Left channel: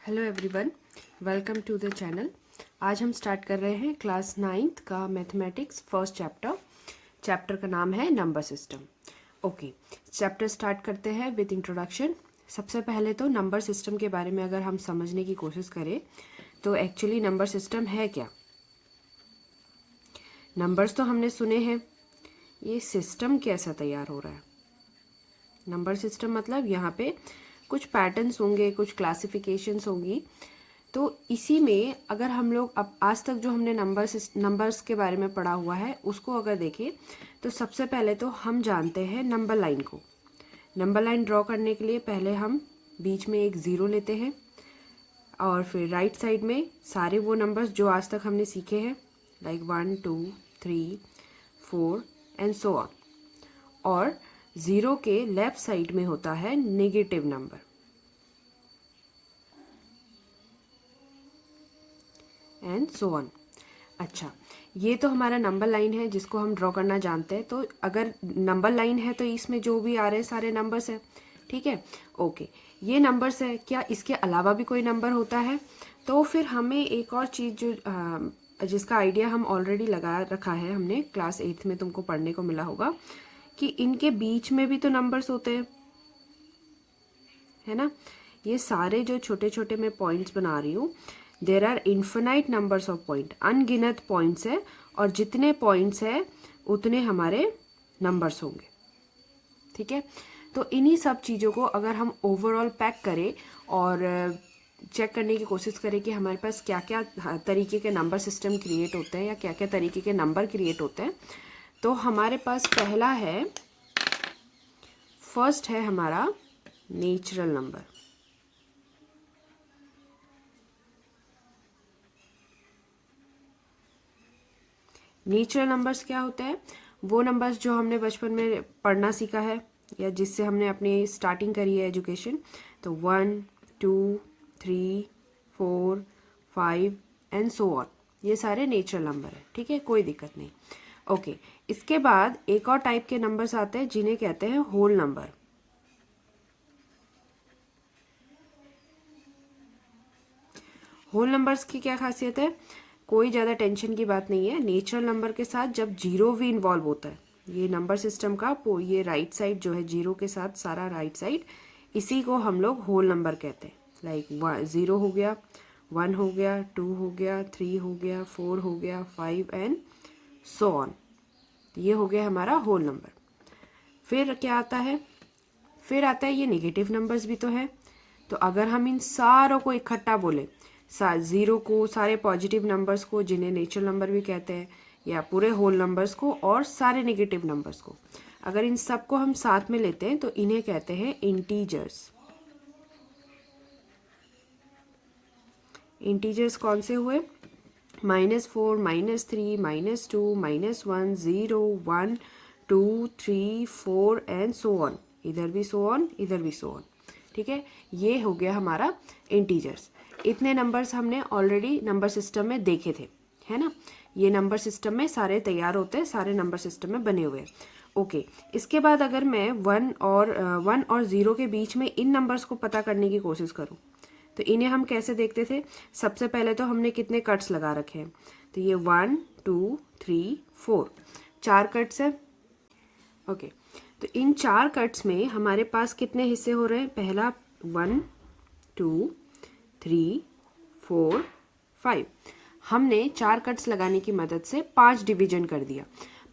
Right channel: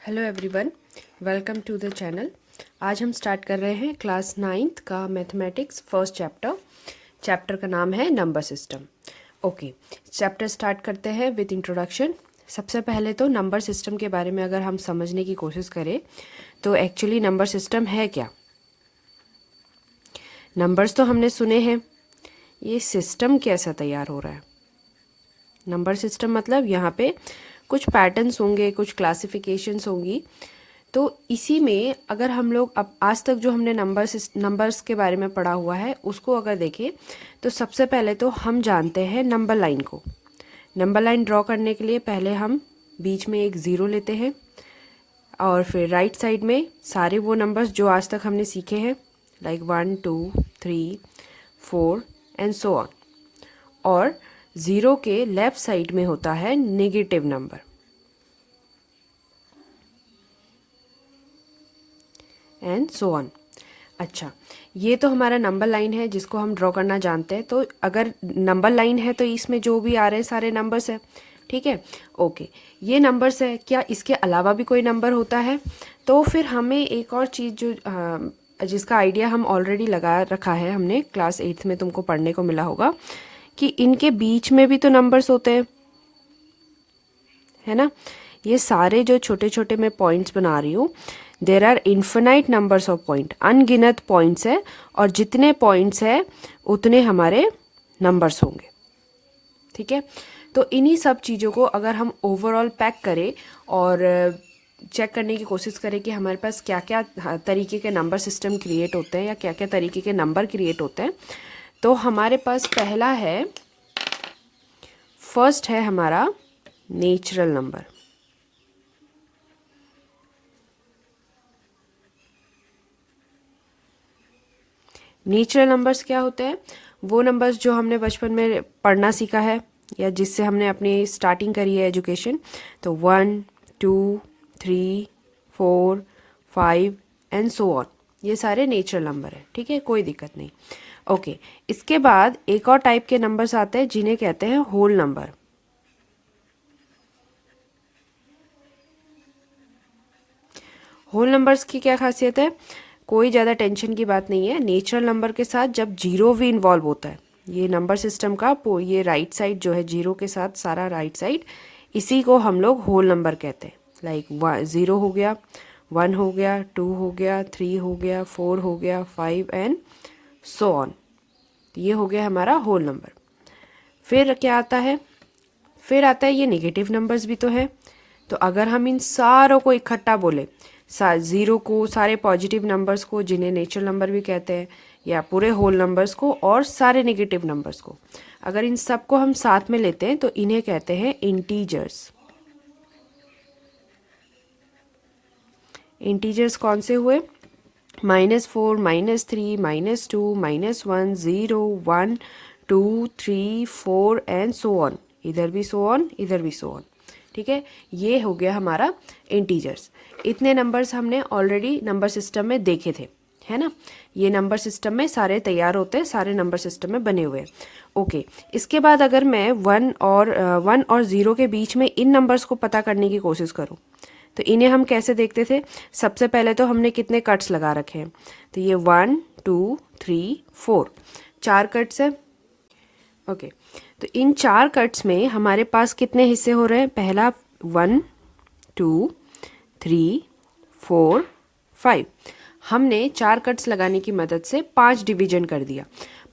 Hello everyone, welcome to the channel. आज हम start कर रहे हैं क्लास 9th का मैथमेटिक्स फर्स्ट चैप्टर का नाम है number system. Okay, chapter start करते हैं विद इंट्रोडक्शन। सबसे पहले तो नंबर सिस्टम के बारे में अगर हम समझने की कोशिश करें तो एक्चुअली नंबर सिस्टम है क्या। नंबर्स तो हमने सुने हैं, ये सिस्टम कैसा तैयार हो रहा है। नंबर सिस्टम मतलब यहाँ पे कुछ पैटर्न्स होंगे, कुछ क्लासिफिकेशंस होंगी। तो इसी में अगर हम लोग अब आज तक जो हमने नंबर्स के बारे में पढ़ा हुआ है उसको अगर देखें तो सबसे पहले तो हम जानते हैं नंबर लाइन को। नंबर लाइन ड्रॉ करने के लिए पहले हम बीच में एक ज़ीरो लेते हैं और फिर राइट साइड में सारे वो नंबर्स जो आज तक हमने सीखे हैं, लाइक 1 2 3 4 एंड सो ऑन। और ज़ीरो के लेफ़्ट साइड में होता है negative number. And so on. अच्छा, ये तो हमारा नंबर लाइन है जिसको हम ड्रॉ करना जानते हैं। तो अगर नंबर लाइन है तो इसमें जो भी आ रहे हैं सारे नंबर्स हैं, ठीक है। ओके, ये नंबर्स है। क्या इसके अलावा भी कोई नंबर होता है? तो फिर हमें एक और चीज़ जो जिसका आइडिया हम ऑलरेडी लगा रखा है, हमने क्लास 8th में तुमको पढ़ने को मिला होगा कि इनके बीच में भी तो नंबर्स होते हैं, है ना। ये सारे जो छोटे छोटे मैं पॉइंट्स बना रही हूँ, there are infinite numbers of point, अनगिनत पॉइंट्स है और जितने पॉइंट्स है उतने हमारे नंबर्स होंगे, ठीक है। तो इन्हीं सब चीज़ों को अगर हम ओवरऑल पैक करें और चेक करने की कोशिश करें कि हमारे पास क्या क्या तरीके के नंबर सिस्टम क्रिएट होते हैं या क्या क्या तरीके के नंबर क्रिएट होते हैं, तो हमारे पास फर्स्ट है हमारा नेचुरल नंबर। नेचुरल नंबर्स क्या होते हैं? वो नंबर्स जो हमने बचपन में पढ़ना सीखा है या जिससे हमने अपनी स्टार्टिंग करी है एजुकेशन। तो 1 2 3 4 5 एंड सो ऑन, ये सारे नेचुरल नंबर है, ठीक है, कोई दिक्कत नहीं। ओके, इसके बाद एक और टाइप के नंबर्स आते हैं जिन्हें कहते हैं होल नंबर। होल नंबर्स की क्या खासियत है? कोई ज़्यादा टेंशन की बात नहीं है। नेचुरल नंबर के साथ जब जीरो भी इन्वॉल्व होता है, ये नंबर सिस्टम का ये राइट साइड जो है जीरो के साथ सारा राइट साइड, इसी को हम लोग होल नंबर कहते हैं। लाइक 0 हो गया, 1 हो गया, 2 हो गया, 3 हो गया, 4 हो गया, 5 एंड सो ऑन। ये हो गया हमारा होल नंबर। फिर क्या आता है? फिर आता है ये नेगेटिव नंबर्स भी तो है। तो अगर हम इन सारों को इकट्ठा बोले, ज़ीरो को, सारे पॉजिटिव नंबर्स को जिन्हें नेचुरल नंबर भी कहते हैं, या पूरे होल नंबर्स को और सारे नेगेटिव नंबर्स को, अगर इन सबको हम साथ में लेते हैं तो इन्हें कहते हैं इंटीजर्स। इंटीजर्स कौन से हुए? -4 -3 -2 -1 0 1 2 3 4 एंड सो ऑन। इधर भी सो ऑन, इधर भी सो ऑन, ठीक है। ये हो गया हमारा इंटीजर्स। इतने नंबर्स हमने ऑलरेडी नंबर सिस्टम में देखे थे, है ना। ये नंबर सिस्टम में सारे तैयार होते हैं, सारे नंबर सिस्टम में बने हुए हैं। ओके, इसके बाद अगर मैं 1 और 0 के बीच में इन नंबर्स को पता करने की कोशिश करूँ तो इन्हें हम कैसे देखते थे? सबसे पहले तो हमने कितने कट्स लगा रखे हैं? तो ये 1 2 3 4, 4 कट्स है। ओके, तो इन 4 कट्स में हमारे पास कितने हिस्से हो रहे हैं? पहला 1 2 3 4 5। हमने 4 कट्स लगाने की मदद से 5 डिवीजन कर दिया।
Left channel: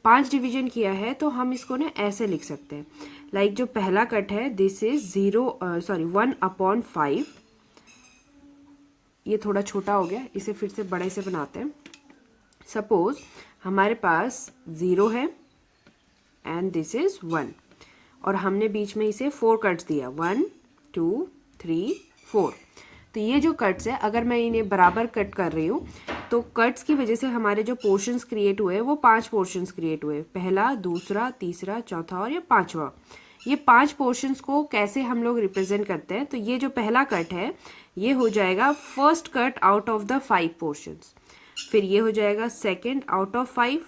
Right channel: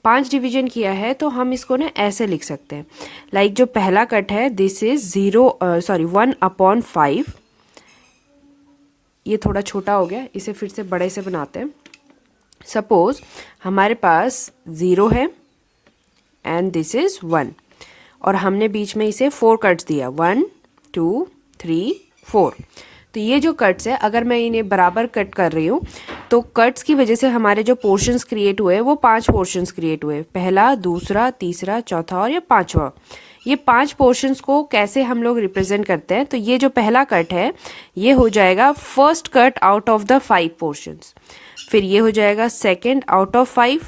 5 डिवीजन किया है तो हम इसको ना ऐसे लिख सकते हैं, लाइक जो पहला कट है दिस इज 1/5। ये थोड़ा छोटा हो गया, इसे फिर से बड़े से बनाते हैं। सपोज हमारे पास 0 है एंड दिस इज 1 और हमने बीच में इसे 4 कट्स दिया, 1 2 3 4। तो ये जो कट्स है, अगर मैं इन्हें बराबर कट कर रही हूँ तो कट्स की वजह से हमारे जो पोर्शंस क्रिएट हुए वो 5 पोर्शंस क्रिएट हुए, पहला, दूसरा, तीसरा, चौथा और ये 5वां। ये 5 पोर्शंस को कैसे हम लोग रिप्रेजेंट करते हैं? तो ये जो पहला कट है ये हो जाएगा first cut out of the 5 portions, फिर ये हो जाएगा सेकेंड आउट ऑफ 5,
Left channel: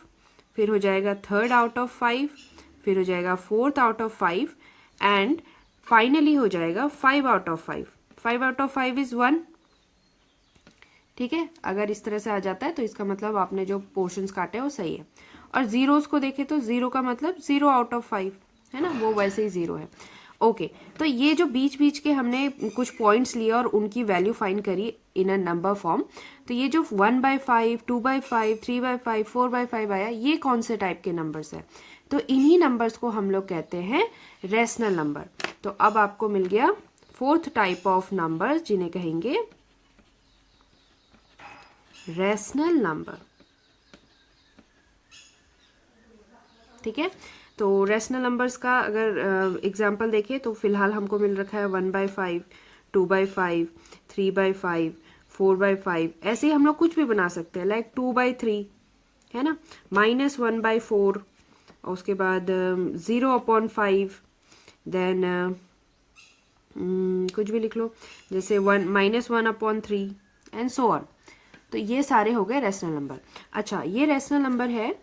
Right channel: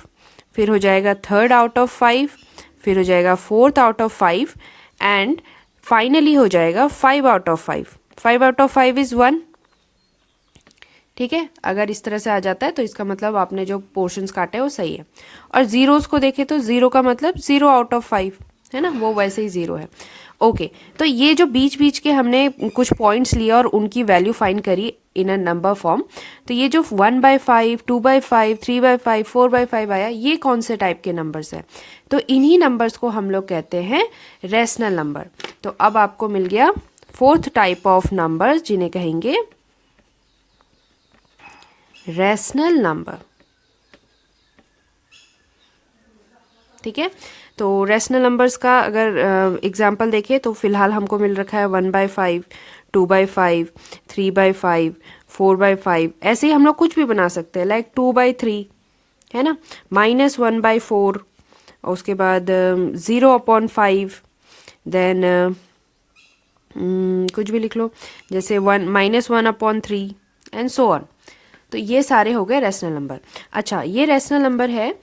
फिर हो जाएगा थर्ड आउट ऑफ 5, फिर हो जाएगा fourth out of 5 and finally हो जाएगा 5 out of 5। 5 out of 5 is 1, ठीक है, अगर इस तरह से आ जाता है तो इसका मतलब आपने जो पोर्शंस काटे हैं वो सही है। और ज़ीरोज़ को देखें तो ज़ीरो का मतलब 0 आउट ऑफ 5 है ना, वो वैसे ही 0 है। ओके, तो ये जो बीच बीच के हमने कुछ पॉइंट्स लिए और उनकी वैल्यू फाइंड करी इन अ नंबर फॉर्म, तो ये जो 1/5, 2/5, 3/5, 4/5 आया, ये कौन से टाइप के नंबर्स हैं? तो इन्हीं नंबर्स को हम लोग कहते हैं रेशनल नंबर। तो अब आपको मिल गया फोर्थ टाइप ऑफ नंबर्स जिन्हें कहेंगे रेशनल नंबर। ठीक है, तो रेशनल नंबर्स का अगर एग्जांपल देखें तो फिलहाल हमको मिल रखा है 1/5, 2/5, 3/5, 4/5, ऐसे ही हम लोग कुछ भी बना सकते हैं, लाइक 2/3 है ना, -1/4, और उसके बाद 0/5, देन कुछ भी लिख लो, जैसे -1/3 एंड सो ऑन। तो ये सारे हो गए रेशनल नंबर। अच्छा, ये रेशनल नंबर है,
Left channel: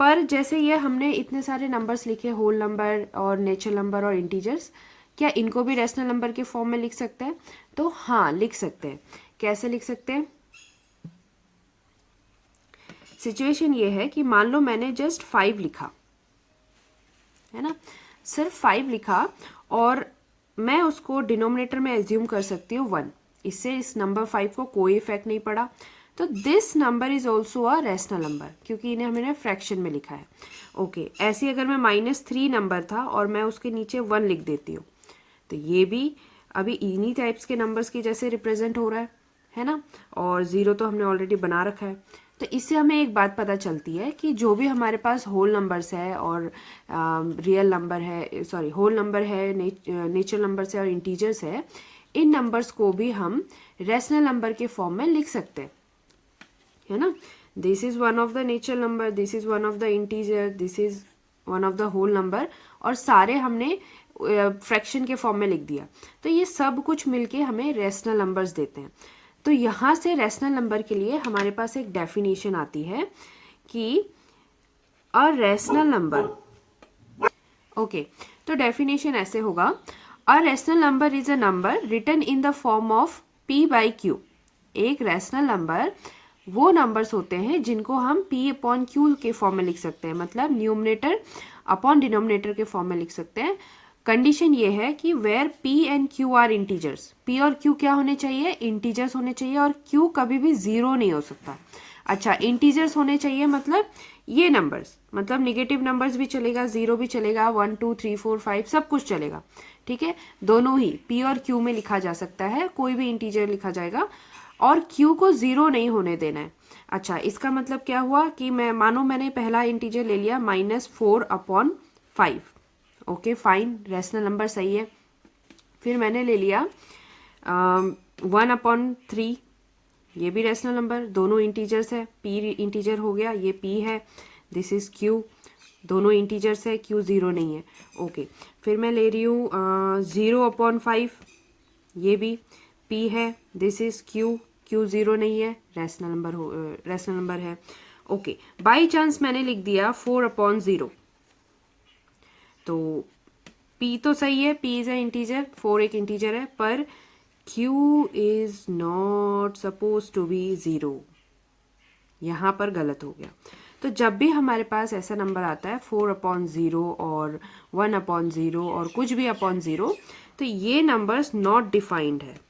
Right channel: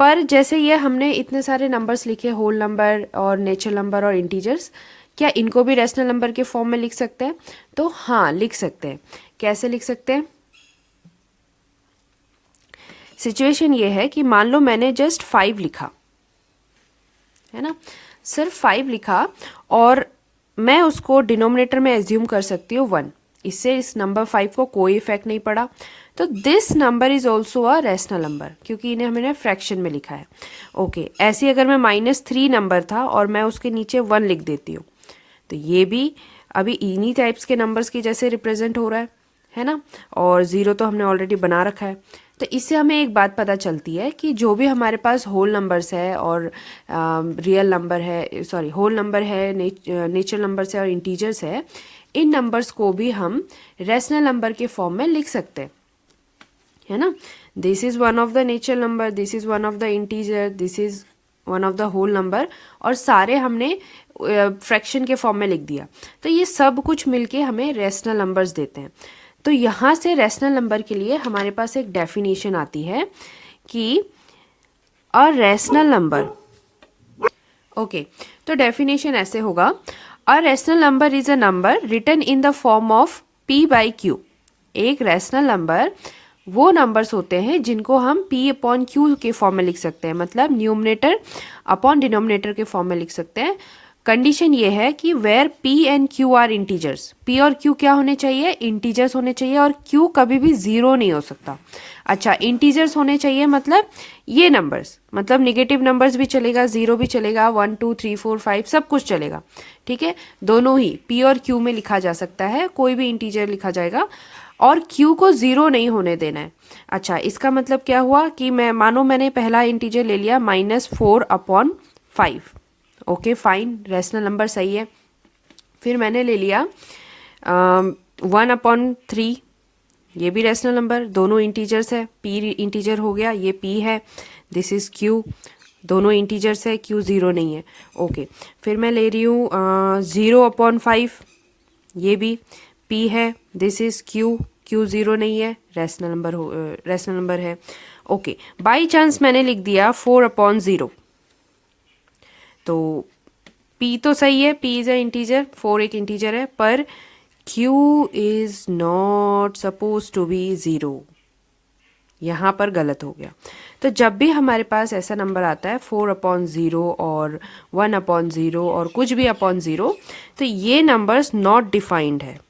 पर जैसे ये हमने इतने सारे नंबर्स लिखे, होल नंबर और नेचुरल नंबर और इंटीजर्स, क्या इनको भी रेशनल नंबर के फॉर्म में लिख सकते हैं? तो हाँ, लिख सकते हैं। कैसे लिख सकते हैं? सिचुएशन ये है कि मान लो मैंने जस्ट 5 लिखा है ना, सिर्फ 5 लिखा, और मैं उसको डिनोमिनेटर में एज्यूम कर सकती हूँ 1, इससे इस नंबर 5 को कोई इफेक्ट नहीं पड़ा, तो this number is also a rational number, क्योंकि इन्हें हमने फ्रैक्शन में लिखा है। ओके, ऐसे ही अगर मैं -3 नंबर था और मैं उसके नीचे 1 लिख देती हूँ, तो ये भी अभी इन्हीं टाइप्स के नंबर्स की जैसे रिप्रेजेंट हो रहा है ना, और 0 तो हमने ऑलरेडी बना रखा है। तो इससे हमें एक बात पता चलती है कि जो भी हमारे पास होल नंबर्स है और रियल नंबर है, सॉरी होल नंबर है, नेचुरल नंबर्स है और इंटीजर्स है, इन नंबर्स को भी हम रेशनल नंबर के फॉर्म में लिख सकते हैं, है ना। This is one of the natural number, this is one of the integer, this is one of the whole number, और सारे हमने फ्रैक्शन के फॉर्म में लिख दिया। तो ये सब कुछ मिलके हमें रेशनल नंबर्स देते हैं। तो यहाँ से रेशनल नंबर के लिए हमारे पास एक डेफिनेशन आती है कि अ रेशनल नंबर, ओके, तो डेफिनेशन ऐसे होगा, a rational number is a number written in the form of p/q। एक रेशनल नंबर वो नंबर्स होते हैं जिनको हम p/q के फॉर्म में लिख सकते हैं, मतलब न्यूमरेटर अपॉन डिनोमिनेटर के फॉर्म में लिख सकते हैं। कंडीशन ये है कि where p and q are integers, p और q क्या होने चाहिए? इंटीजर्स होने चाहिए, और q कभी भी 0 नहीं हो सकता। अच्छा, इंटीजर्स होने चाहिए मतलब ये नंबर्स, मतलब निगेटिव नंबर्स भी चलेगा, 0 भी चलेगा, 1 2 3 4 5 सब कुछ चलेगा। ठीक है, दोनों ही p और q में लिखा जा सकता है, कोई भी इंटीजर लिखा जाएगा, और q को 0 नहीं होने देना है। अच्छा, इसका मतलब क्या हुआ कि मानो मैंने पहला इंटीजर ले लिया -4/5, ओके फाइन, रेशनल नंबर सही है। फिर मैंने ले लिया 1/3, ये भी रेशनल नंबर, दोनों इंटीजर्स है, p इंटीजर हो गया, ये p है, दिस इज q, दोनों इंटीजर्स है, q 0 नहीं है। ओके, फिर मैं ले रही हूँ 0/5, ये भी p है, दिस इज q, q 0 नहीं है, रेशनल नंबर है। ओके, बाई चांस मैंने लिख दिया 4/0, तो p तो सही है, p इज अ इंटीजर, 4 एक इंटीजर है, पर q is not suppose to be 0, यहाँ पर गलत हो गया। तो जब भी हमारे पास ऐसा नंबर आता है 4/0 और 1/0 और कुछ भी अपॉन 0, तो ये नंबर्स नॉट डिफाइंड है,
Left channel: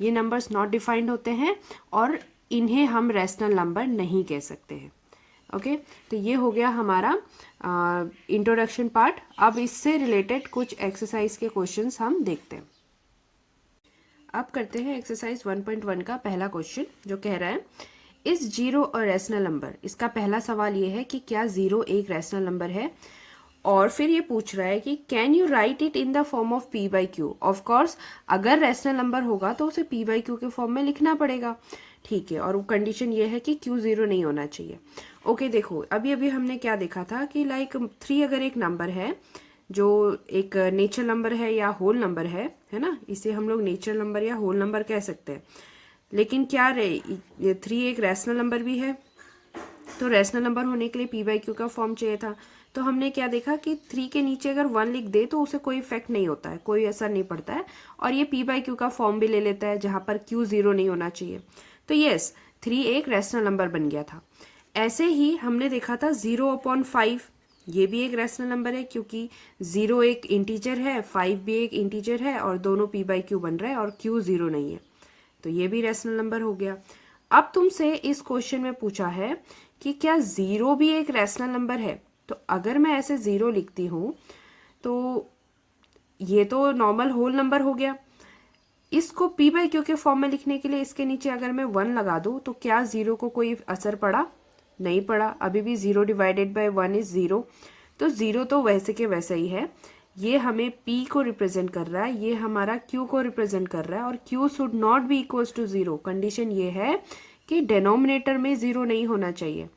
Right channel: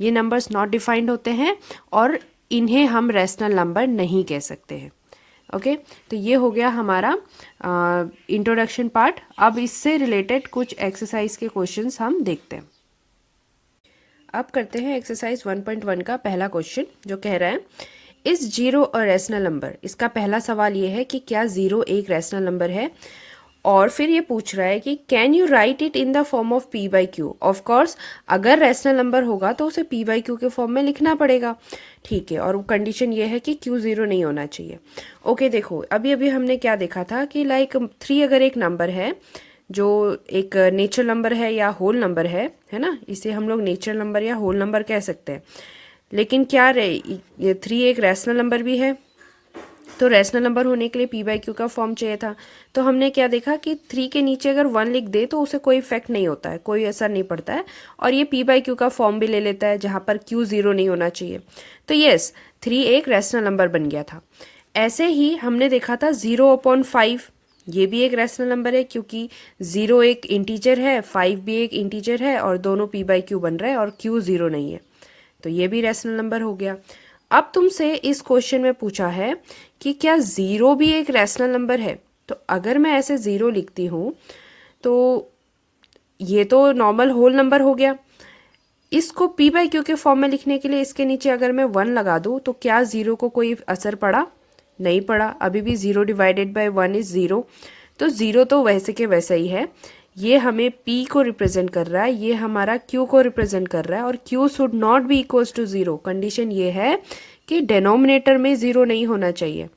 ये नंबर्स नॉट डिफाइंड होते हैं, और इन्हें हम रेशनल नंबर नहीं कह सकते हैं। ओके, तो ये हो गया हमारा इंट्रोडक्शन पार्ट। अब इससे रिलेटेड कुछ एक्सरसाइज के क्वेश्चंस हम देखते हैं। अब करते हैं एक्सरसाइज 1.1 का पहला क्वेश्चन, जो कह रहा है इज 0 अ रेशनल नंबर। इसका पहला सवाल ये है कि क्या 0 एक रेशनल नंबर है, और फिर ये पूछ रहा है कि can you right it in the form of p/q। Of course अगर रेशनल नंबर होगा तो उसे p/q के फॉर्म में लिखना पड़ेगा, ठीक है, और कंडीशन ये है कि q 0 नहीं होना चाहिए। ओके, देखो अभी अभी हमने क्या देखा था कि लाइक 3 अगर एक नंबर है जो एक नेचुरल नंबर है या होल नंबर है ना, इसे हम लोग नेचुरल नंबर या होल नंबर कह सकते हैं। लेकिन क्या ये 3 एक रैशनल नंबर भी है, तो रैशनल नंबर होने के लिए पी बाई क्यू का फॉर्म चाहिए था। तो हमने क्या देखा कि 3 के नीचे अगर 1 लिख दे तो उसे कोई इफेक्ट नहीं होता है, कोई असर नहीं पड़ता है, और ये पी बाई क्यू का फॉर्म भी ले लेता है जहाँ पर क्यू 0 नहीं होना चाहिए। तो यस, 3 एक रैशनल नंबर बन गया था। ऐसे ही हमने देखा था 0/5, ये भी एक रैशनल नंबर है क्योंकि 0 एक इंटीजर है, 5 भी एक इंटीजर है, और दोनों पी बाई क्यू बन रहे हैं और क्यू 0 नहीं है, तो ये भी रैशनल नंबर हो गया। अब तुमसे इस क्वेश्चन में पूछा है कि क्या 0 भी एक रैशनल नंबर है। तो अगर मैं ऐसे 0 लिखती हूँ तो ये तो नॉर्मल होल नंबर हो गया। इसको पी बाई क्यू के फॉर्म में लिखने के लिए इसके नीचे अगर मैं 1 लगा दूँ तो क्या 0 को कोई असर पड़ा? नहीं पड़ा, अभी भी 0 डिवाइडेड बाय 1 इज 0। तो 0 तो वैसे के वैसा ही है। ये हमें p को रिप्रेजेंट कर रहा है, ये हमारा q को रिप्रेजेंट कर रहा है, और q should not be equals to 0। Condition ये है कि डिनोमिनेटर में 0 नहीं होना चाहिए।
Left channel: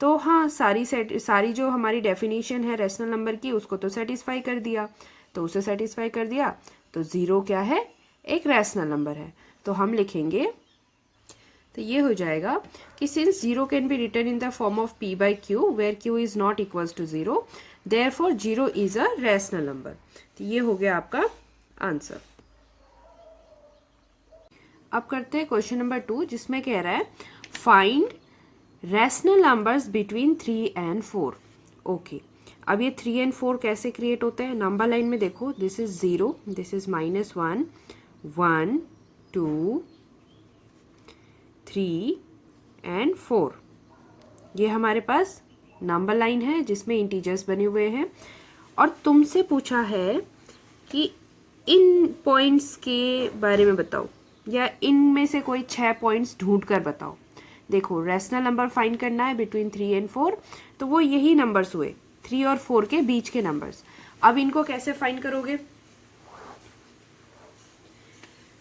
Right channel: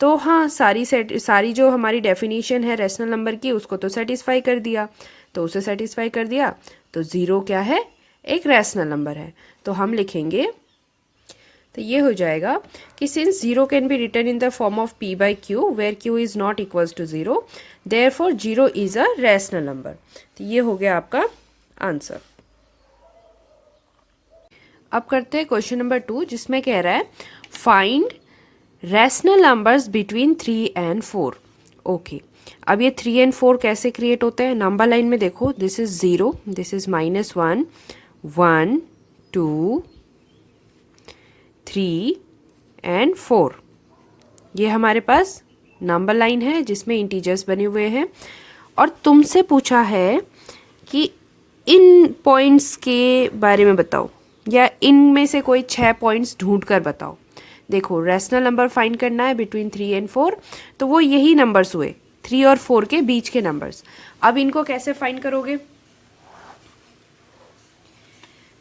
तो हाँ, सारी जो हमारी डेफिनेशन है रैशनल नंबर की उसको तो सेटिस्फाई कर दिया। तो उसे सेटिस्फाई कर दिया तो 0 क्या है? एक रैशनल नंबर है। तो हम लिखेंगे, तो ये हो जाएगा कि since 0 can be written in the form of p by q where q is not equals to 0, therefore 0 is a rational number. तो ये हो गया आपका आंसर। अब करते हैं क्वेश्चन नंबर 2, जिसमें कह रहा है find rational numbers between 3 and 4। Okay, अब ये 3 एंड 4 कैसे क्रिएट होते हैं? नंबर लाइन में देखो, this is 0, this is -1, 1, 2, 3 and 4। ये हमारे पास नंबर लाइन है जिसमें इंटीजर्स बने हुए हैं, और तुमसे पूछा है कि इन पॉइंट्स के बारे में बताओ, या इनमें से कोई 6 पॉइंट्स ढूंढ कर बताओ। देखो, रैशनल नंबर फाइंड करना है बिटवीन 3 एंड 4, तो वो यही नंबर्स हुए 3 और 4 के बीच के नंबर्स। अब इनको कैसे फाइंड करोगे?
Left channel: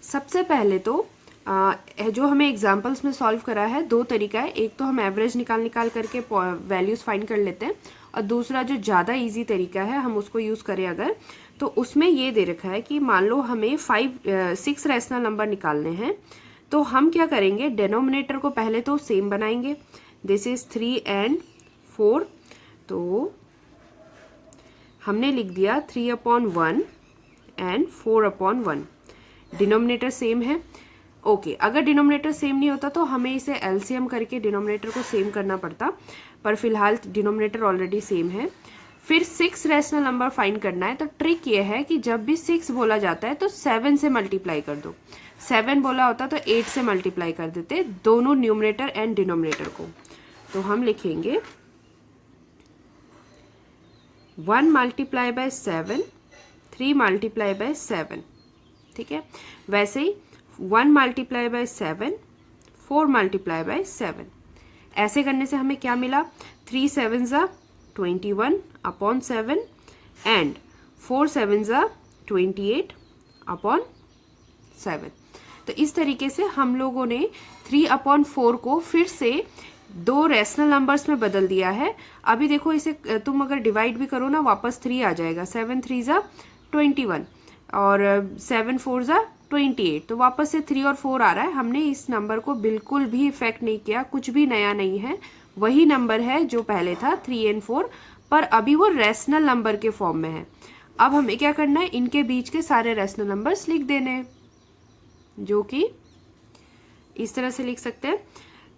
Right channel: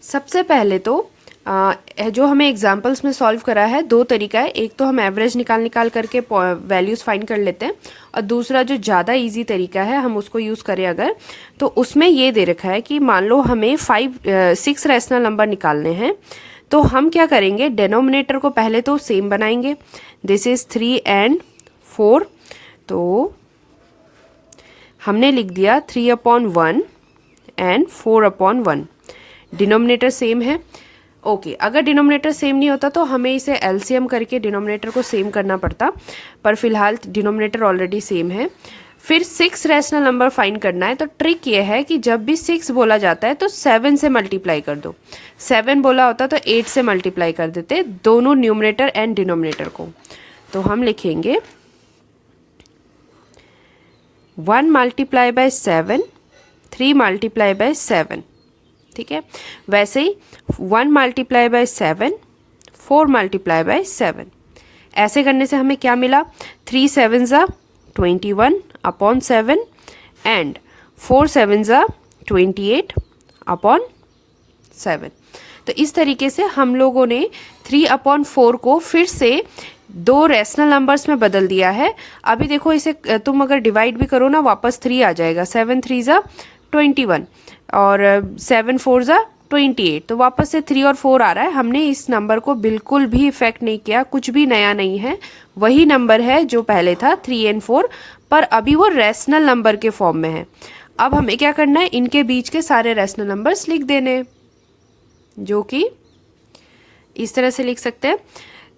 सबसे पहले तो जो हमें एग्जाम्पल्स में सॉल्व करा है, 2 तरीका है। एक तो हम एवरेज निकाल करके वैल्यूज़ फाइंड कर लेते हैं, और दूसरा जो ज़्यादा इजी तरीका है हम उसको यूज़ करें अगर, तो उसमें ये दे रखा है कि मान लो हमें 6 रैशनल नंबर निकालने हैं। तो हम क्या करेंगे, डिनोमिनेटर को पहले तो सेम बनाएंगे, दिस इज़ 3 एंड 4। तो हमने लिख दिया 3/1 एंड 4/1, डिनोमिनेटर सेम है। ओके, अगर डिनोमिनेटर सेम नहीं होता तो हमें इसे एलसीएम करके डिनोमिनेटर को सेम करना पड़ता, पर फिलहाल डिनोमिनेटर ऑलरेडी सेम है। फिर 6 रैशनल नंबर फाइंड करना है, तो ट्रिक ये है कि जब भी 6 बोला जाता है तो 7 से मल्टीप्लाई कर दो। 7 बोला होता तो 8 से मल्टीप्लाई कर देते, दोनों न्यूमरेटर एंड डिनोमिनेटर को। तो हम लिखेंगे 1 मल्टीप्लाई बाय 7, 3 मल्टीप्लाई बाय 7, ठीक है। वैसे ही 1 मल्टीप्लाई बाय 7, 4 मल्टीप्लाई बाय 7। ऐसे करने से हमें क्या मिला? 3 7 ज़ा 21/7 एंड 4 7 ज़ा 28/7। तो इस तरीके से हम लोगों ने 3/4 को फिर से 2 रैशनल नंबर्स में बदल दिया है। अभी देखो, इसे तुम अगर डिवाइड भी करो ना, वापस 3 आ जाएगा। 7 3 ज़ा 21 और 7 4 ज़ा 28, तो वापस से 3 और 4 आ रहा है। हमने इस नंबर को बिल्कुल भी इफेक्ट नहीं किया, कुछ भी नया नहीं है, वही नंबर है जो पहले था 3 एंड 4, पर अभी वो रैशनल नंबर के फॉर्म में है। अब हमें क्या करना है, इनके बीच के सारे रैशनल नंबर्स लिख देने, जो कि इस तरह से लिख सकते हैं।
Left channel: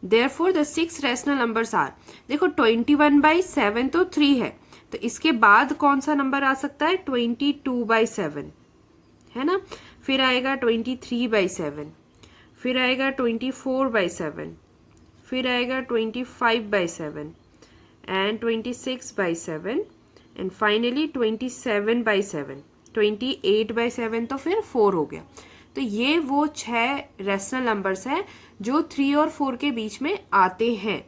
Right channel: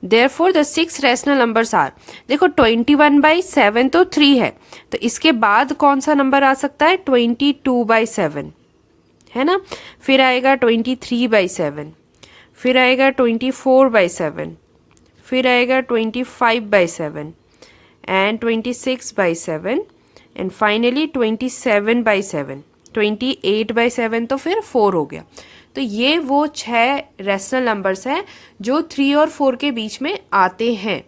Therefore the 6 rational numbers are, देखो 21/7 तो 3 है, तो इसके बाद कौन सा नंबर आ सकता है? 22/7 है ना। फिर आएगा 23/7, फिर आएगा 24/7, फिर आएगा 25/7 एंड 26/7 एंड फाइनली 27/7, 28/7, तो फिर 4 हो गया। तो ये वो 6 रैशनल नंबर्स हैं जो 3 और 4 के बीच में आते हैं।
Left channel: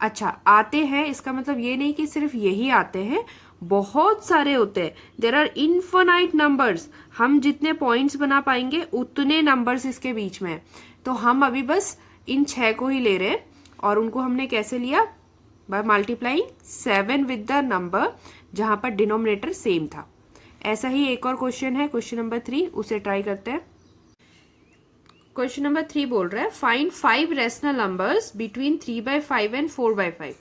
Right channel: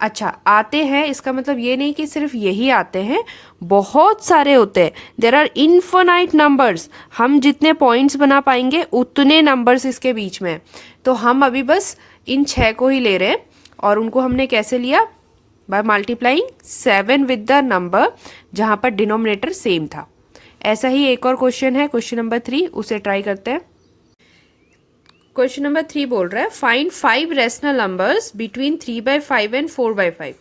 अच्छा, आते हैं इसका मतलब ये नहीं कि सिर्फ यही आते हैं, बहुत सारे होते हैं। देयर आर इनफिनाइट नंबर्स, हम जितने पॉइंट्स बना पाएंगे उतने नंबर्स इसके बीच में। तो हम अभी बस इन 6 को ही ले रहे हैं, और उनको हमने कैसे लिया? By multiplying 7 with the number जहां पर डिनोमिनेटर सेम था। ऐसा ही एक और क्वेश्चन है, क्वेश्चन नंबर 3, उसे ट्राई करते हैं। क्वेश्चन नंबर 3 बोल रहा है find 5 rational numbers between 3/5 and 4/5।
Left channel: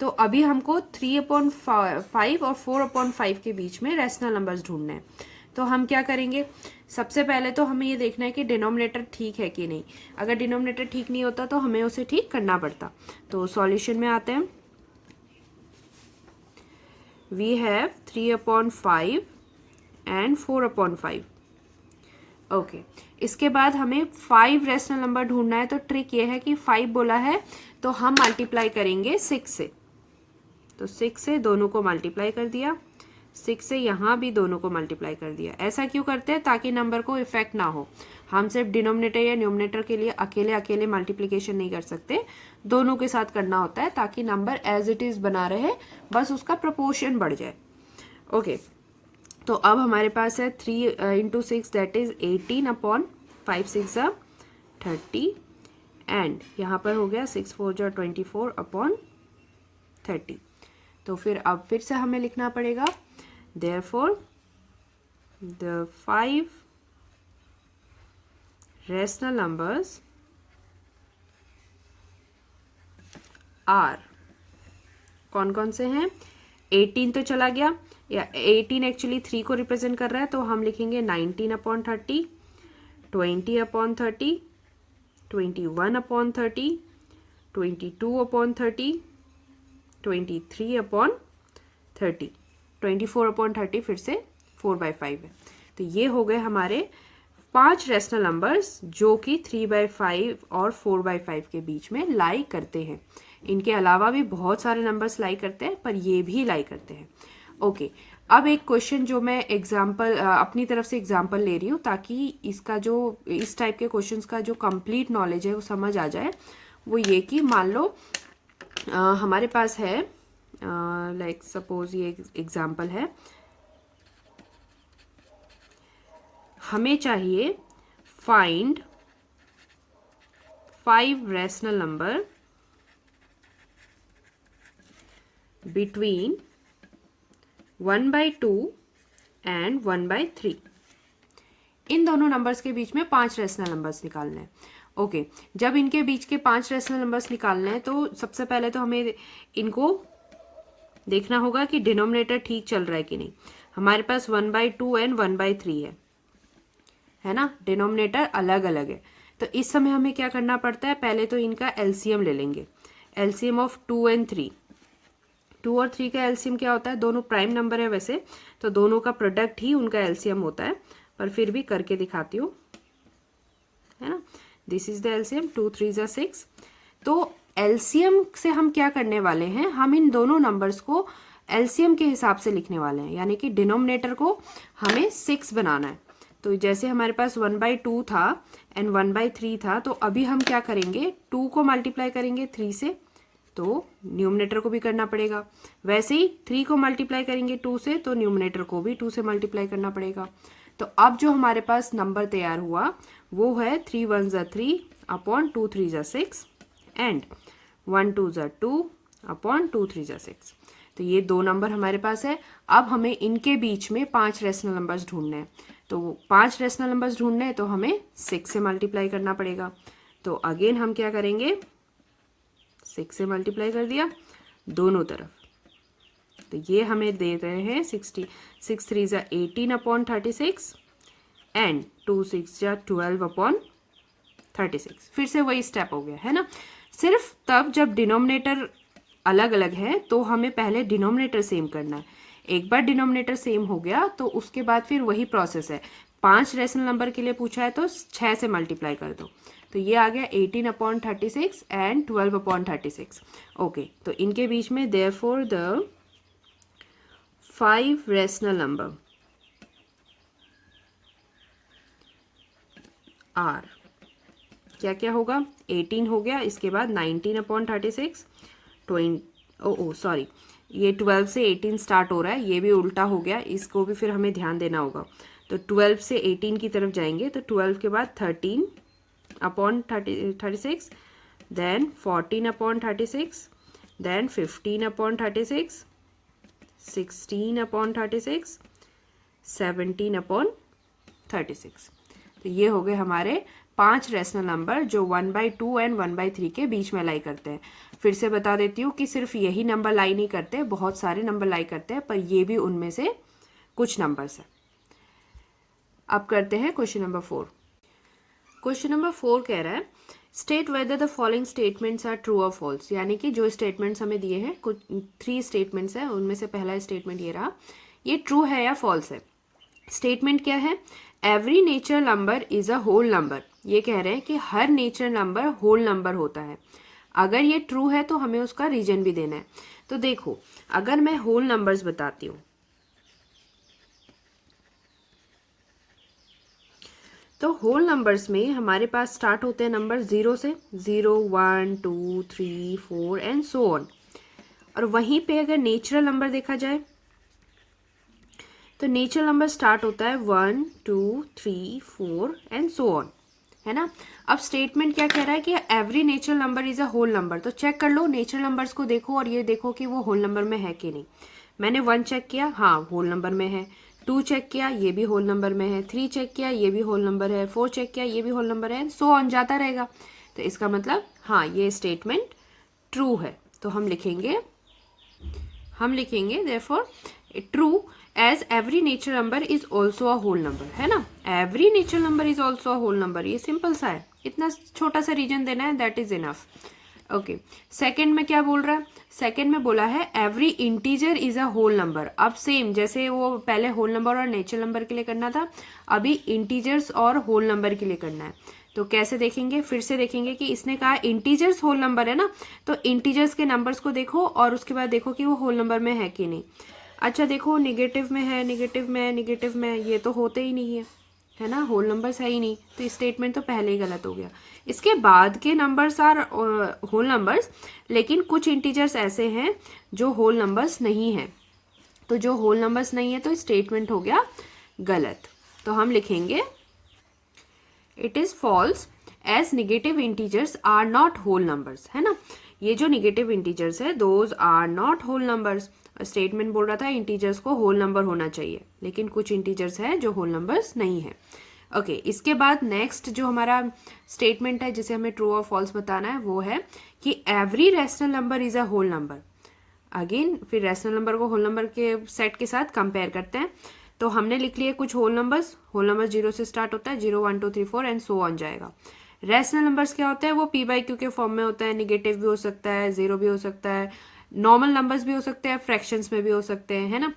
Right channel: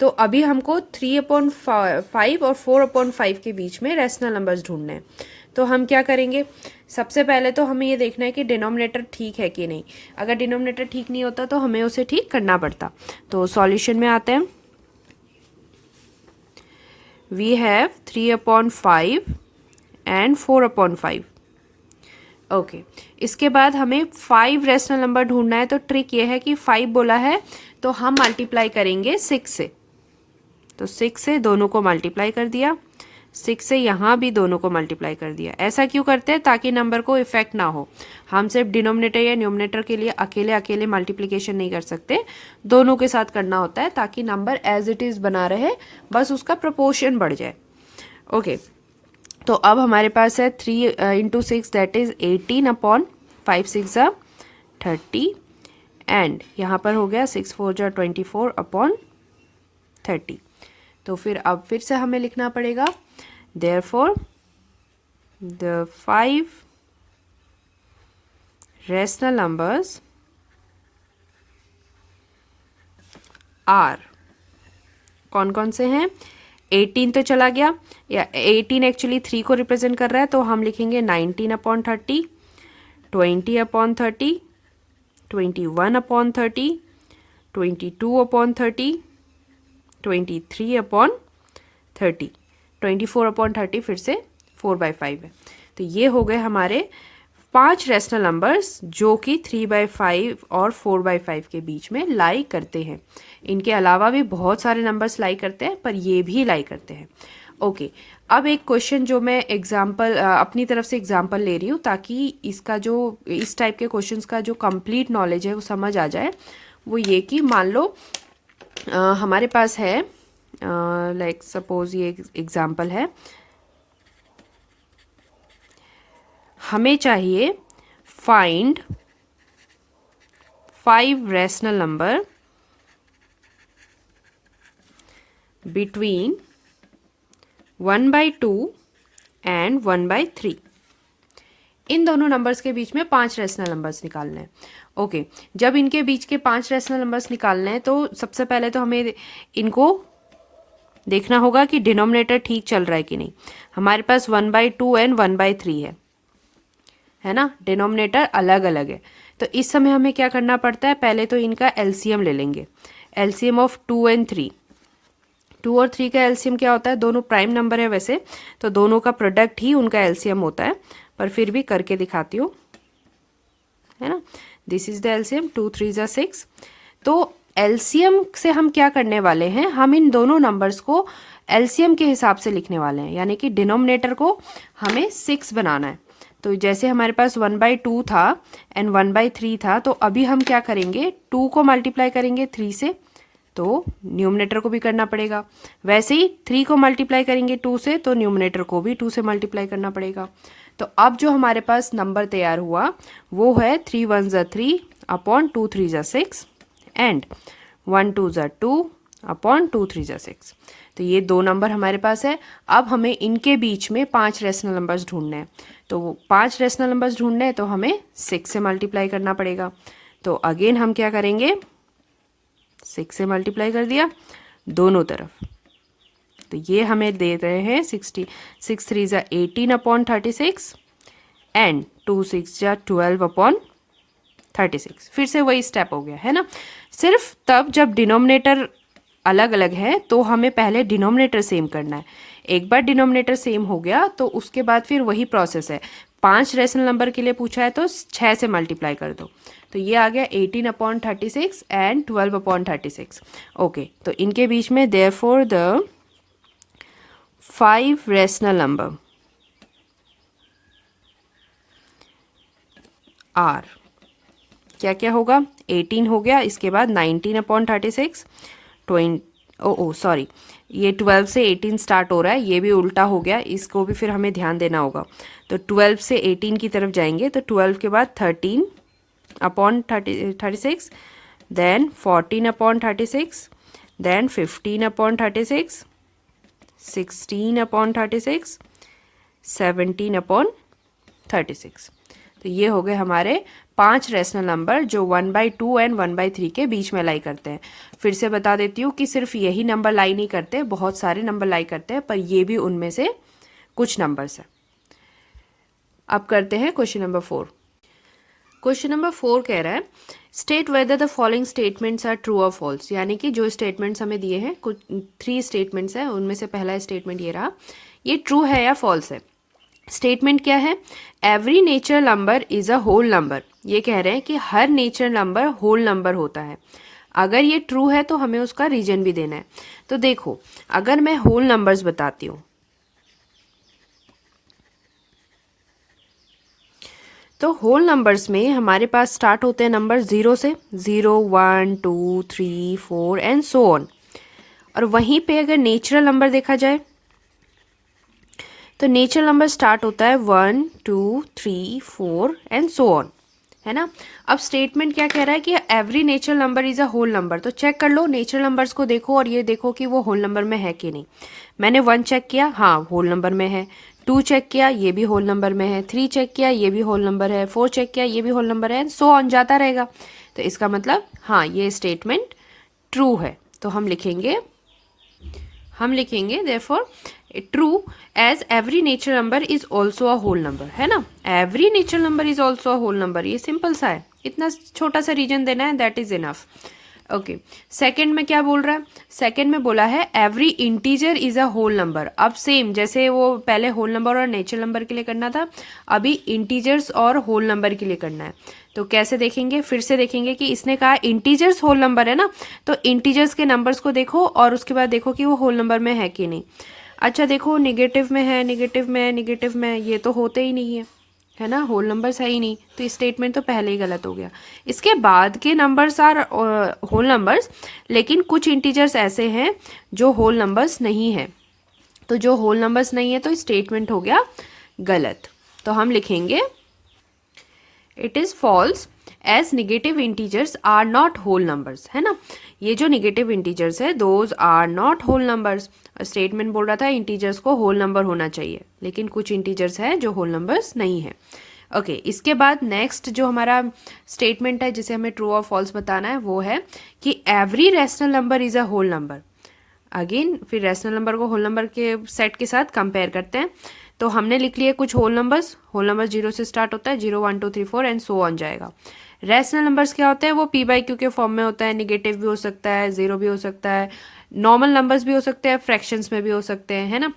तो अभी हमको 3/5 और 4/5 के बीच में रैशनल नंबर्स ढूंढने हैं। तो हम क्या करेंगे, सबसे पहले तो हमें ये देखना है कि डिनोमिनेटर ठीक है कि नहीं। अगर डिनोमिनेटर ठीक नहीं होता तो हमें उसे ठीक करना पड़ता। तो सॉल्यूशन में आते हैं। We have 3/5 and 4/5। ओके, इसके बाद हमें 5 रैशनल नंबर ढूंढना है। तो ट्रिक ये है कि 5 बोला है तो हम मल्टीप्लाई करेंगे 6 से। तो 6 से दोनों को मल्टीप्लाई कर दिया, 6 से यहाँ भी दोनों को मल्टीप्लाई कर दिया। ऐसा क्यों करते हैं? ताकि नंबर को इफेक्ट ना हो। हम सिर्फ डिनोमिनेटर या न्यूमरेटर के लिए अकेले अकेले मल्टीप्लिकेशन नहीं कर सकते, दोनों के साथ करना होता है ताकि नंबर एज इट इज बना रहे, बस उसका प्रोपोर्शन बढ़ जाए। ओके, तो अब हमारे पास है 3 × 6 दैट इज 18/5 6 30 एंड यहाँ पर हो गया 6 4 24/30। तो फिर अब फिर से हमें लिखना पड़ेगा therefore the 5 rational numbers are, कौन कौन से हैं? 18 तो चला गया, या 18 एक्चुअली 3 को रिप्रेजेंट कर रहा है, तो हम लिखेंगे 19/30, 20/30, 21/30, 22/30, 23/30, 24/30 फिर से 4/5 है। तो ये हो गए हमारे 5 रैशनल नंबर्स जो कि 3/5 और 4/5 के बीच में लाई करते हैं। इनके अलावा भी बहुत सारे नंबर्स लाई करते हैं, पर ये भी लाई करते हैं। ओके, अब एक क्वेश्चन जो मैं एग्जाम्पल अपनी तरफ से एग्जाम्पल ले रही हूँ ताकि इसका जो इस टाइप के क्वेश्चंस का जो कंप्लीट नॉलेज है वो समझ आ जाए। वो ये कि मान लो हमारे पास है लाइक सपोज ये एग्जाम्पल है, हमें चाहिए find 5 rational number between 1/2 and 1/3। इन दोनों नंबर्स के बीच में 5 रैशनल नंबर्स निकालने हैं। ओके, जब इनके बीच के 5 रैशनल नंबर्स निकालने हैं तो सबसे पहले तो हमें इनको देखना होगा कि डिनोमिनेटर ठीक चल रहा है कि नहीं। हमारे पास 1/2 एंड 1/3 है ना, डिनोमिनेटर अलग अलग है। तो इस समय हमें क्या करना पड़ता है, पहले तो इनका एलसीएम ले लेंगे। एलसीएम ऑफ 2 एंड 3, 2 और 3 का एलसीएम क्या होता है? दोनों प्राइम नंबर है वैसे, तो दोनों का प्रोडक्ट ही उनका एलसीएम होता है, पर फिर भी करके दिखाती हूँ, है ना। This is the LCM, 2 3 6। तो एलसीएम से हम क्या करने वाले हैं, हम इन दोनों नंबर्स को एलसीएम के हिसाब से लिखने वाले हैं, यानी कि डिनोमिनेटर को हमें 6 बनाना है। तो जैसे हमारे पास 1/2 था एंड 1/3 था, तो अभी हम क्या करेंगे, 2 को मल्टीप्लाई करेंगे 3 से, तो न्यूमरेटर को भी करना पड़ेगा। वैसे ही 3 को मल्टीप्लाई करेंगे 2 से, तो न्यूमरेटर को भी 2 से मल्टीप्लाई करना पड़ेगा। तो अब जो हमारे पास नंबर तैयार हुआ वो है 3 1 3 अपॉन 2 3 6 एंड 1 2 2 अपॉन 2 3 6। तो ये 2 नंबर हमारे पास है। अब हमें इनके बीच में 5 रैशनल नंबर्स ढूंढने हैं। तो 5 रैशनल नंबर्स ढूंढने हैं तो हमें 6 से मल्टीप्लाई करना पड़ेगा। तो अगेन हम क्या करेंगे, 6 से मल्टीप्लाई कर दिया दोनों तरफ। तो ये हमें दे रहे हैं 6 3 18/36 एंड 2 6 12/36। फिर से वही स्टेप हो गया, है ना। सिर्फ तब जब डिनोमिनेटर अलग अलग है तो हमें पहले डिनोमिनेटर सेम करना है। एक बार डिनोमिनेटर सेम हो गया तो उसके बाद फिर वही प्रोसेस है। 5 रैशनल नंबर के लिए पूछा है तो 6 से मल्टीप्लाई कर दो। तो ये आ गया 18/36 एंड 12/36। ओके, तो इनके बीच में therefore the 5 rational number are, क्या क्या होगा, 18 हो गया, इसके बाद 19/36, 20 सॉरी ये 12 से 18 स्टार्ट हो रहा है, ये भी उल्टा हो गया, इसको भी फिर हमें ध्यान देना होगा। तो 12 से 18 की तरफ जाएंगे, तो 12 के बाद 13/36, देन 14/36, देन 15/36, 16/36, 17/36। तो ये हो गए हमारे 5 रैशनल नंबर जो 1/2 एंड 1/3 के बीच में लाई करते हैं। फिर से बता देती हूँ कि सिर्फ यही नंबर लाई नहीं करते, बहुत सारे नंबर लाई करते हैं, पर ये भी उनमें से कुछ नंबर्स हैं। अब करते हैं क्वेश्चन नंबर 4। क्वेश्चन नंबर 4 कह रहा है state whether the following statements are true और फॉल्स, यानी कि जो स्टेटमेंट्स हमें दिए हैं, कुछ 3 स्टेटमेंट्स हैं, उनमें से पहला स्टेटमेंट ये रहा, ये ट्रू है या फॉल्स है। स्टेटमेंट क्या है, every natural number is a whole number. ये कह रहे हैं कि हर नेचुरल नंबर होल नंबर होता है। अगर ये ट्रू है तो हमें उसका रीजन भी देना है। तो देखो, अगर मैं होल नंबर्स बताती हूँ तो होल नंबर्स में हमारे पास स्टार्ट होते हैं नंबर 0 से, 0, 1, 2, 3, 4 एंड सो ऑन। और वहीं पे अगर नेचुरल नंबर देखा जाए तो नेचुरल नंबर स्टार्ट होता है 1, 2, 3, 4 एंड सो ऑन, है ना। अब स्टेटमेंट क्या कह रहा है कि every natural number is a whole number. तो चेक कर लो, नेचुरल नंबर्स को देखो और ये देखो कि वो होल नंबर में है कि नहीं। मैंने 1 चेक किया, हाँ होल नंबर में है। 2 चेक किया, ये भी होल नंबर में है। 3 चेक किया, ये भी होल नंबर है। 4 चेक किया, ये भी होल नंबर है, सो ऑन जाता रहेगा। तो इसका मतलब हाँ, ये स्टेटमेंट ट्रू है। तो हम लिखेंगे therefore true as every natural number is also a whole number, है ना। Every natural number is also a whole number, ये सिंपल सा है, इतना छोटा सा रीजन देना है, that is enough. Okay, second में क्या बोल रहा है, सेकंड में बोला है every integer is a whole number. अब सेम जैसे वो पहले होल नंबर और नेचुरल नंबर के लिए करना था, अभी इंटीजर्स और होल नंबर के लिए करना है। तो कैसे देखेंगे, फिर से देखेंगे कि इसने कहा इंटीजर्स होल नंबर है ना, तो इंटीजर्स के नंबर्स को देखो और उसके बाद देखो कि वो होल नंबर में है कि नहीं। अच्छा देखो, निगेटिव में है, निगेटिव में है, निगेटिव में है, ये तो होते ही नहीं है ना, होल नंबर्स है ही नहीं, तो स्टेटमेंट तो पहले ही गलत हो गया। इसके बाद के नंबर्स आर होल नंबर्स, लेकिन कुछ इंटीजर्स ऐसे हैं जो होल नंबर्स नहीं है। तो जो होल नंबर्स नहीं है तो स्टेटमेंट हो गया गलत। तो हम लिखेंगे it is false as negative integers are not whole numbers, है ना। ये जो निगेटिव इंटीजर्स है those are not whole numbers. Statement बोल रहा था इंटीजर्स को होल नंबर होना चाहिए, लेकिन कुछ इंटीजर्स हैं जो होल नंबर्स नहीं है। ओके, इसके बाद नेक्स्ट जो हमारा स्टेटमेंट है जिसे हमें ट्रू और फॉल्स बताना है वो है कि every rational number is a whole number. Again फिर रैशनल नंबर को होल नंबर के सेट के साथ कंपेयर करते हैं। तो हमने लिख लिए कुछ होल नंबर 0 से स्टार्ट होता है, 0, 1, 2, 3, 4 एंड सो ऑन जाएगा। रैशनल नंबर्स क्या होते हैं, वो p/q के फॉर्म में होता है, निगेटिव भी हो सकता है, 0 भी हो सकता है, नॉर्मल नंबर्स भी हो सकते हैं, फ्रैक्शंस में भी हो सकते हैं, है ना।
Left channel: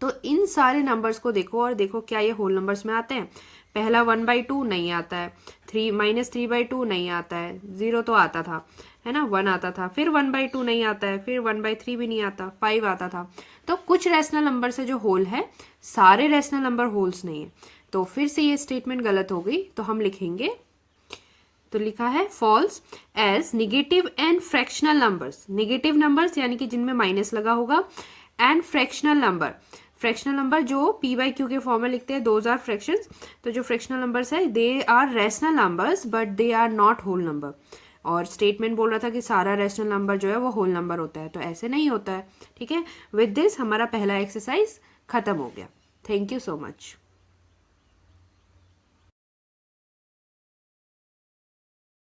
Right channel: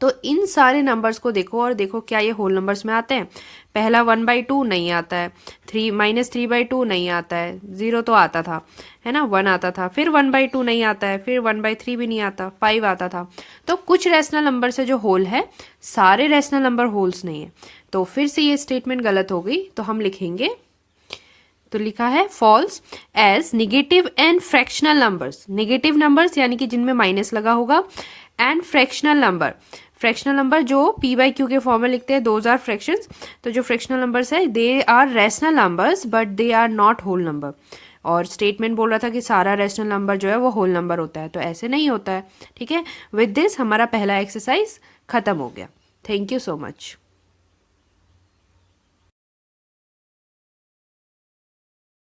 तो इन सारे नंबर्स को देखो और देखो क्या ये होल नंबर्स में आते हैं। पहला 1/2 नहीं आता है, -3/2 नहीं आता है, 0 तो आता था, है ना, 1 आता था, फिर 1/2 नहीं आता है, फिर 1/3 भी नहीं आता, 5 आता था। तो कुछ रैशनल नंबर से जो होल है, सारे रैशनल नंबर होल्स नहीं है। तो फिर से ये स्टेटमेंट गलत हो गई। तो हम लिखेंगे, तो लिखा है false as negative and fractional numbers. Negative numbers यानी कि जिनमें माइनस लगा होगा, and fractional number, fractional number जो p/q के फॉर्म में लिखते हैं, दोज आर फ्रैक्शंस। तो जो फ्रैक्शनल नंबर्स है they are rational numbers but they are not whole number. और स्टेटमेंट बोल रहा था कि सारा रैशनल नंबर जो है वो होल नंबर होता है, तो ऐसे नहीं होता है। ठीक है, विद दिस हमारा पहला एक्सरसाइज खत्म हो गया। Thank you so much.